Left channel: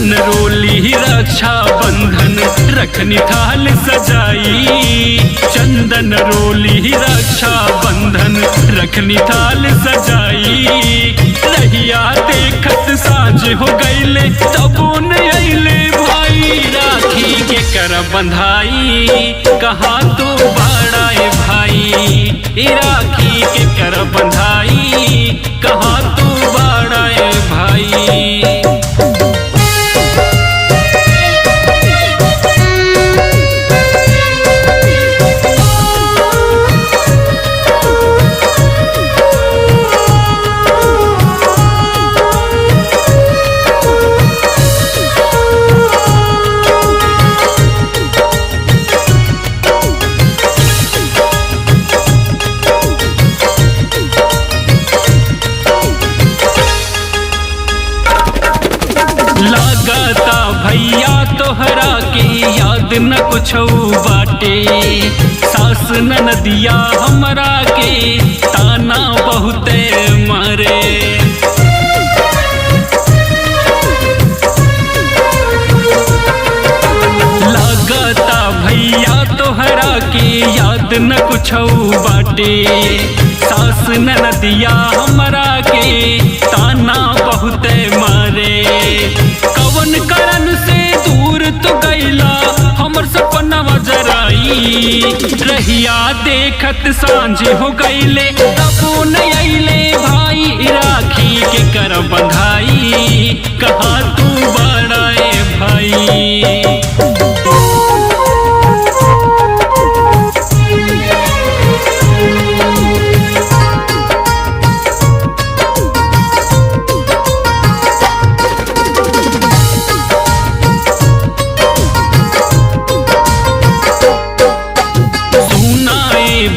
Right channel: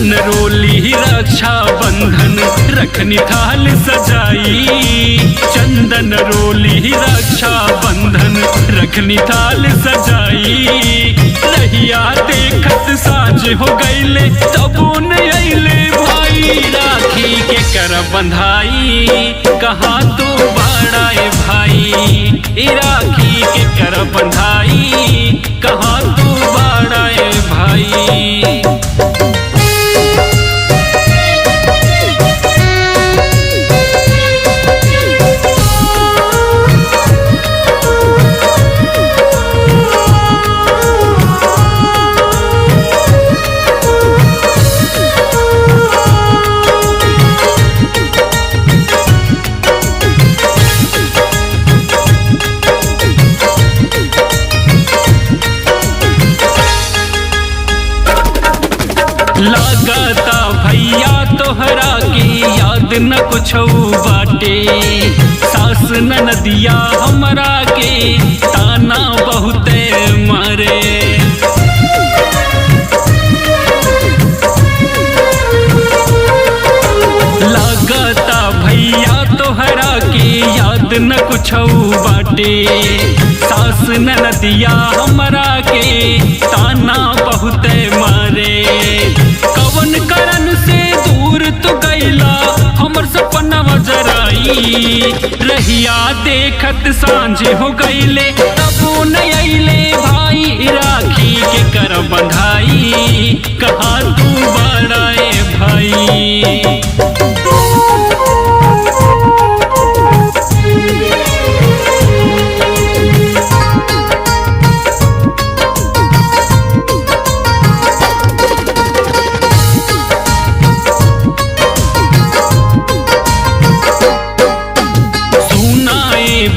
चंदन रोली रक्षा बंधन रखनी थाल सजाई। चंदन रोली रक्षा बंधन रखनी थाल सजाई। रहिया देखत साँझ हो गईले तबो न अइले भाई। राखी के कर बंधाई कहाँ तो बड़ाए भाई। राखी के कर बंधाई कहाँ तो बड़ाए भाई। लागता भैया तोहरा के याद न कुछ बाटे। सास ननदिया हमरा के ताना बहुते मारे। लागता भैया तोहरा के याद न कुछ बाटे। सास ननदिया हमरा के ताना बहुते मारे। कवन करन से दूर तो गईला हमर सपनवा जराई। रहिया देखत सांझ हो गईले तबो न अइले भाई। राखी के कर बंधाई कहाँ तू बड़ाए भाई।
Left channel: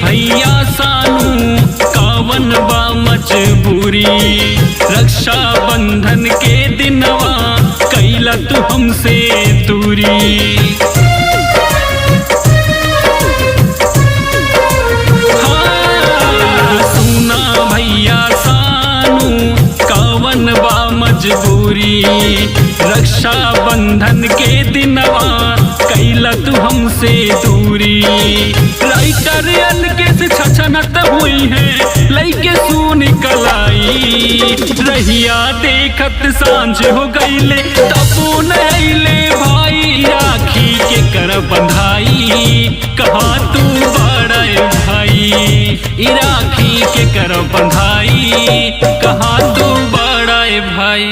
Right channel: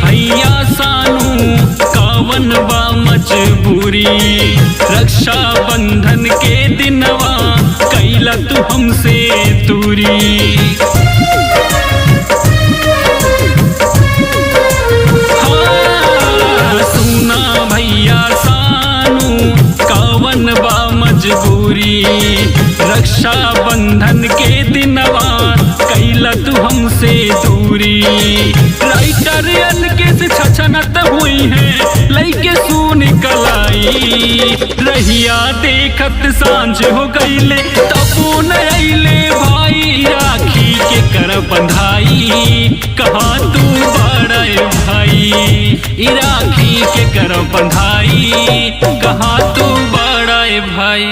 भैया सानू कावन बा मजबूरी। रक्षा बंधन के दिनवा कैला तू हमसे दूरी। हाँ सुना भैया सानू कावन बा मजबूरी। रक्षा बंधन के दिनवा कैला तू हमसे दूरी। राइटर अलगे से छछनत हुई है लइके सू निकलाई। रहिया देखत सांझ हो गईले तबो न अइले भाई। राखी के कर बंधाई कहाँ तू बड़ाए भाई। राखी के कर बंधाई कहाँ तू बड़ाए भाई।